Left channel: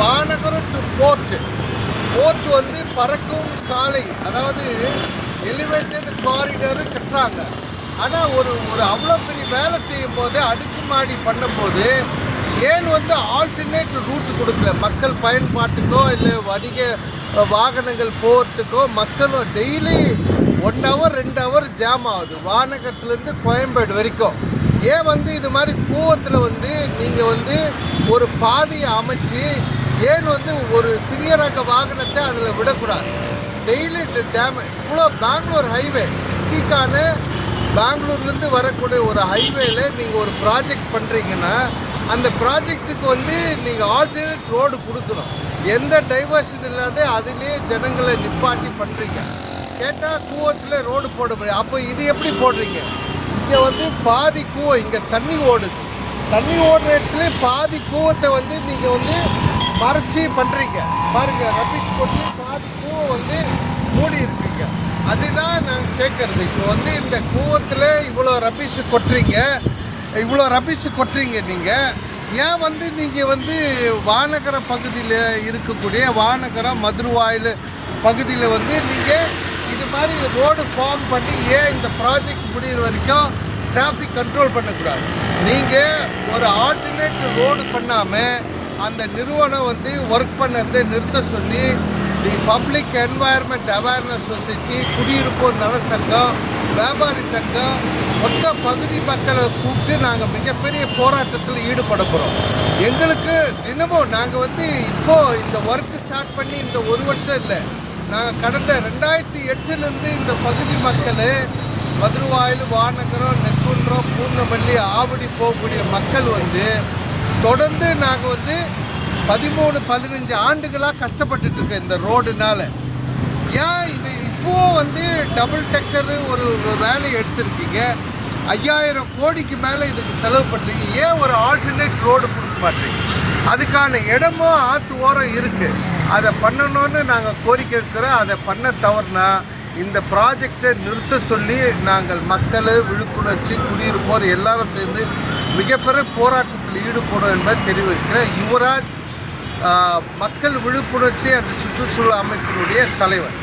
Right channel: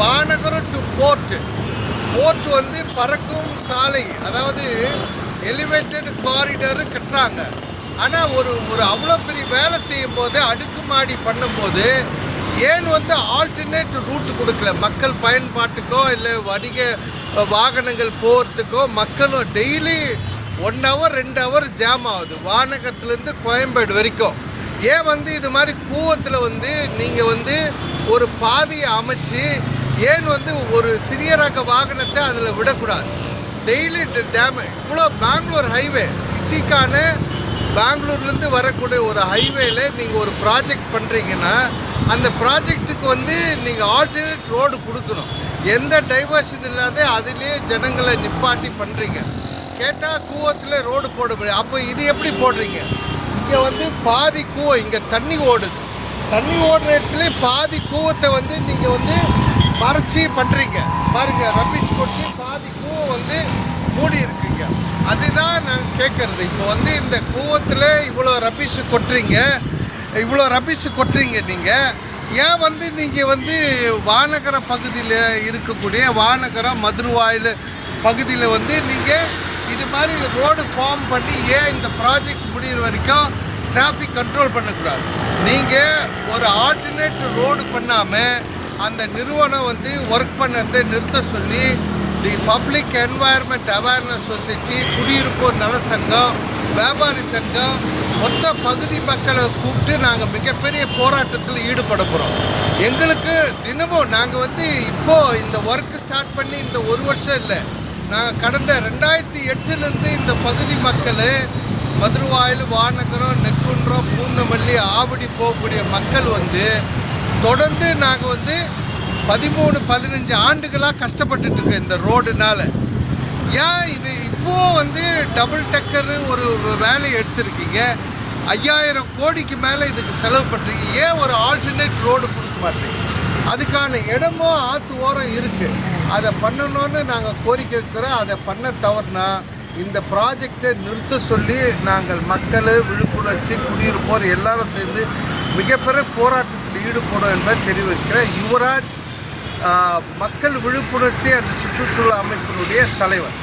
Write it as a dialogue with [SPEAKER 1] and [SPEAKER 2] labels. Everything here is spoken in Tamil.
[SPEAKER 1] Vanagaram to board. போர்ட் வந்து பறக்கும் சாலை. அதாவது எலிவேட்டட் காரிடர் கட்டுறாங்க. ஆனால் ஒரு ஒரு அவ்வளோ பெரிய வேலை செய்யும் போது அடுக்குமாடி பண்ணும்போது ஏன் வந்து ஆல்டர்னேட் ரூட் கொடுக்கல? மக்கள் பயன்பாட்டுக்கோ இல்லை வணிக வாகனங்கள் போகிறதுக்கோ மக்கள் டெய்லி ஒன் ஹவர் ரெண்டு ஹவர் ஜாம் ஆகுது. வானகரத்துலேருந்து கோயம்பேடு வரைக்கும். ஏன் வந்து இது மாதிரி கூவத்தில் வந்து நீங்கள் வந்து ஒரு பாதையை அமைச்சு ஏன் வந்து ஒரு சிறிய ரக வாகனத்தை அதில் விடக்கூடாது? டெய்லி டேம் இவ்வளோ பெங்களூர் ஹைவே சிட்டிக்கான பெங்களூர்லேருந்து வரக்கூடிய ஒரு ஹைவேல நீங்கள் ஒரு ப்ராஜெக்ட் பண்ணுறீங்கன்னா அந்த ப்ராஜெக்ட்டுக்கு வந்து நீங்கள் ஆல்டர்னேட் ரோடு கொடுக்கணும். எந்த டைவர்ஷன் இல்லாத அதிலே ஜனங்களை நிப்பாட்டி பண்ணுறீங்க கேட்டால் கூவத்தில் ரோடு போட முடியாது. அப்போ இது எப்படி போடுறீங்க? இங்கே வந்து பாதி கூவம் இங்கே தண்ணி ஓடுது. தண்ணி ஓடுற இடத்துல பாதி கூவத்தை வந்து நீங்கள் வந்து மறைச்சி பண்ணுறீங்க பாருங்க ரபீஸ் கொட்டி பாதி வந்து மூடி இருக்கீங்க. அதுதான் நாங்கள் கேட்கறது இப்போ வந்து இந்த கூவத்தில் இவ்வளோ ரபிஷ் கொட்டுறீங்க. இவ்வளோ ரபிஷ் கொட்டுறீங்க நீங்கள் ஏன் வந்து நீங்கள் வந்து வானகர பகுதியில் இருக்கக்கூடிய வானகரம் மதுரவாயில் பகுதியில் வந்து நீங்கள் இது மாதிரி ரோடு ஃபார்ம் பண்ணி ஏன் இந்த ப்ராஜெக்ட் முடியிற வரைக்கும் டிராஃபிக் கண்ட்ரோல் பண்ணக்கூடாது? நீங்கள் ஒரு ஆல்டர்னேட் ரோடு பண்ணாமல் அந்த நிறுவனம் வந்து ஒர்க் பண்ணதை நிறுத்த சொல்லி the public environment awareness society குடியிருப்போர் நல சங்கம் வியாபாரி சங்கம் மொத்த பகுதி மக்களை கூப்பிட்டு நாங்கள் மிகப்பெரிய போராட்டத்தில் ஈடுபட போகிறோம் எங்களுக்கு தினமும் நாங்கள் வந்து இப்போது இந்த ஒர்க்கு ஸ்டார்ட் பண்ணி இந்த ஒரு வருஷம் இல்லை நாங்கள் கடந்த ரெண்டாயிரத்தி எட்டுலேருந்து இந்த பகுதி மக்கள் மதுருவாயில் வானகரம் நெக்குன்றம் பூந்தமல்லி ஆவடி போகக்கூடிய மக்கள் வந்து தொடர்ந்து நாங்கள் வந்து பதிமூணு பதினஞ்சு ஆண்டுகளாக கஷ்டப்பட்டுட்டு இந்த ரோடுனால. ஏன் இது இப்போ வந்து டபுள் டக்கர் ஒரு வேலையை எடுத்திருக்கீங்க? ஐயாயிரம் கோடிக்கு மேலே இதுக்கு செலவு பண்ணுறீங்க ஏன் ஒரு ஆல்டர்னேட் ரோடு கொடுக்க மாட்டீங்க? அதுக்கான இடமும் ஆற்று ஓரம் இருக்குது அதை பண்ணணும்னு நாங்கள் கோரிக்கை இருக்கிறோம் அதை பண்ண தவறுனா இந்த ப்ராஜெக்டை நிறுத்த சொல்லி நாங்கள் மக்கள் விழிப்புணர்ச்சி குடியிருப்போர் எல்லாரும் சேர்ந்து மிகப்பெரிய போராட்டத்தில் ஈடுபடும் என்பதை தெரிவிக்கிறேன். யுவராஜ் மக்கள் விழிப்புணர்ச்சி அந்த சுற்றுச்சூழல் அமைப்பினுடைய தலைவர்.